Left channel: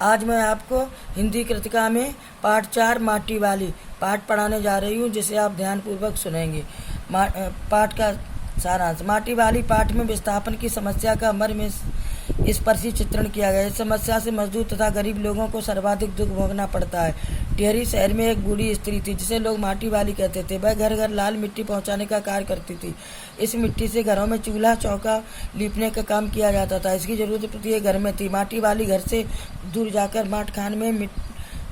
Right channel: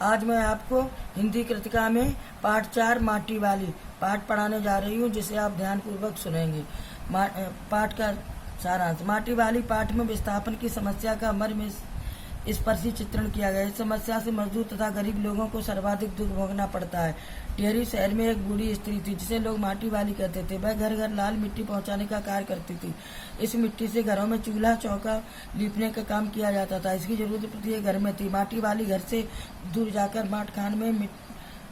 आज मैं आपको हिंदी कृतिका में पाठ 4 माटी वाली पाठ पढ़ाने जा रही हूँ, जिसे आप ध्यानपूर्वक सुनेंगे। पाठ का सारांश। माटी वाली पाठ में विस्थापन की समस्या का मर्म स्पर्शी चित्रण किया गया है। इस समस्या से मजदूर तथा गरीब लोगों को सर्वाधिक दुख भोगना पड़ता है। टिहरी शहर में एक बूढ़ी स्त्री थी, जिसे लोग माटी वाली कहते थे। वह घर घर लाल मिट्टी पहुंचाने का कार्य करती थी। इस मिट्टी से घरों में चूल्हा चौका लीपने का काम किया जाता था। इसकी जरूरत प्रत्येक घर में थी। माटी वाली घर से दूर जाकर माठ खान में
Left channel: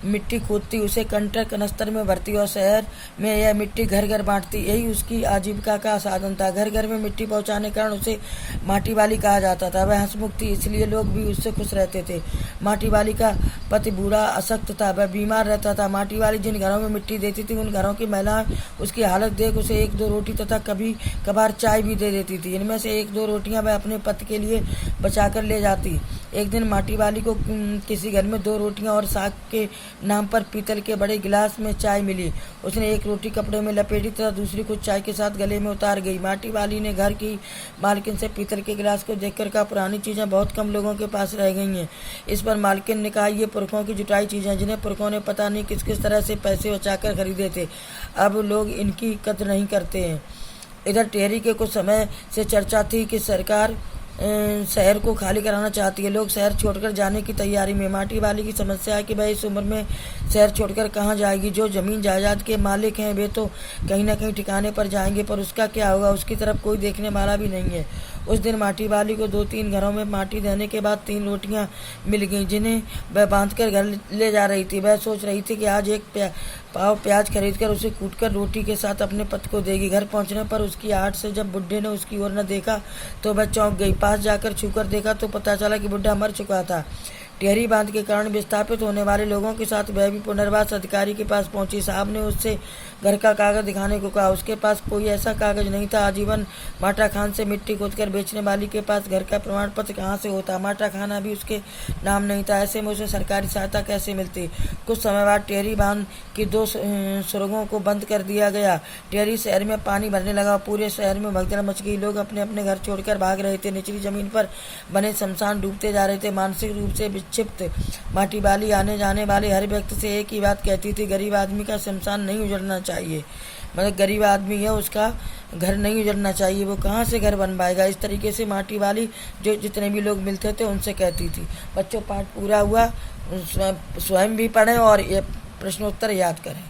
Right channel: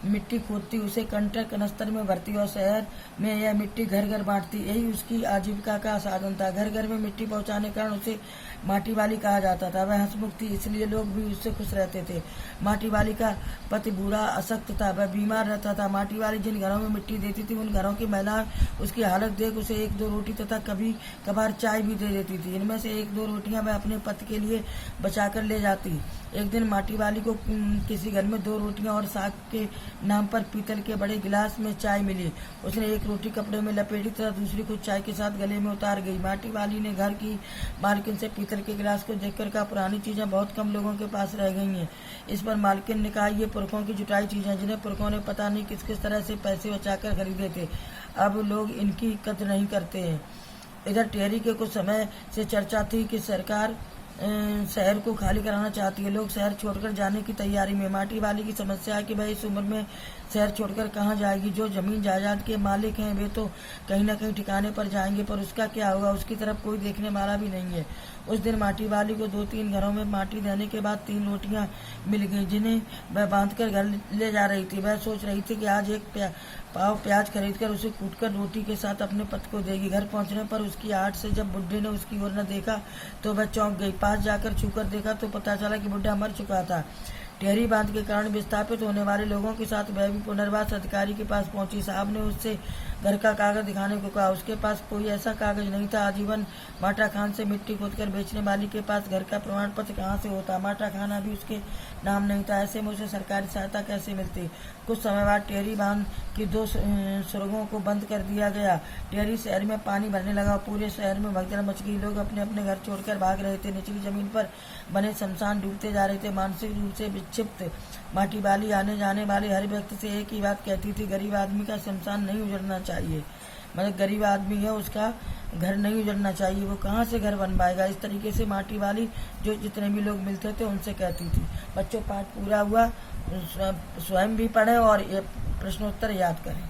मिट्टी खोदती, उसे कंटर कनस्तर में भरती और शहर में यह मिट्टी घर घर बांटती। यही उसकी आजीविका का साधन था। घर घर में मिट्टी पहुंचाने के कारण उसे माटी वाली कहा जाता था। वह हंसमुख थी, इसलिए लोग भी उससे खुश रहते थे। माटी वाली का पति बूढ़ा अशक्त था, वह बीमार रहता था। माटी वाली जिन घरों में मिट्टी देती थी, उन घरों की महिलाएं उसकी हालत देख उसे 1-2 रोटी तथा कभी कभार चाय भी दे देती थी। इनमें से 1-2 रोटियां वह अपने पति के लिए बचा कर ले जाती। एक दिन माटी वाली को किसी घर में 2 रोटियां और साग के नाम पर पीतल के बड़े गिलास में चाय मिली। उसने एक रोटी कपड़े में लपेटी तथा दूसरी को चाय के साथ गले में उतार गई। माटी वाली ने घर की मालकिन से पीतल के गिलास को देखकर कहा, पुरानी चीजें बहुत कम लोगों के पास रह गई हैं। इस पर मालकिन ने कहा, ये पुरखों की जुटाई चीजें, जिन्हें पुरखों ने पता नहीं किस किस तरह से पैसे बचाकर खरीदे थे। अब लोग इनकी कद्र नहीं करते हैं। इधर टिहरी के कुछ समय से चर्चा थी कि सरकार शहर को खाली कराना चाहती है। लोग शहर छोड़कर जाने की तैयारी में। माटी वाली की समस्या है कि वह इस उम्र में शहर छोड़कर कहाँ जाएगी। जो जमीन जायदाद के मालिक हैं वे तो कहीं न कहीं ठिकाने पर जाएंगे, पर उसका क्या होगा, उसकी तरफ कोई देखने वाला भी नहीं है। उस दिन माटी वाली को 2-3 घरों में माटी देने के बाद 3 रोटियां मिल गईं, जिन्हें वह बांधकर घर ले जा रही थी। वह सोच रही थी कि आज एक पाव प्याज खरीदकर उसे कूटकर रोटी के साथ अपने पति को देगी। घर पहुंचने पर उसकी आहट से जब बुड्ढे ने उसकी ओर न देखा तो वह चौंक गई। पास जाकर छूकर देखा तो पता चला कि बुड्ढा मर चुका था। टिहरी बांध के कारण विस्थापित होने वाले लोगों के साथ वह भी पुनर्वास अधिकारी के पास पहुंची। साहब ने उससे घर का कागज दिखाने को कहा। उसके पास कोई ऐसा कागज नहीं था। आजीवन माटा खान से मिट्टी खोदकर बेचने वाली के पास घर का प्रमाण पत्र कहाँ से होता। माटा खान अभी उसके नाम नहीं था। ऐसे में उसे सरकारी सहायता कैसे मिलती। कुछ समय बाद टिहरी बांध की 2 सुरंगों को बंद कर दिया गया। टिहरी शहर में पानी भरने लगा। पूरे शहर में भगदड़ मच गई। लोग अपने अपने घर छोड़कर भाग रहे थे। निचली जमीन पर बने शमशान डूबते जा रहे थे। मानसिक रूप से विक्षिप्त माटी वाली आने जाने वाले हर व्यक्ति से एक ही बात कहती थी, गरीब आदमी का शमशान नहीं उजड़ना चाहिए। मतलब गरीब आदमी है, उसका घर नहीं उजड़ना चाहिए, वो कहाँ से घर बन पाएगा। इस तरीके से माटी वाली जो जितने भी लोग मिलते थे उनसे कहती थी। बच्चों, पाठ पूरा हुआ। स्वयं भी पढ़ें और ये प्रश्नोत्तर याद करें।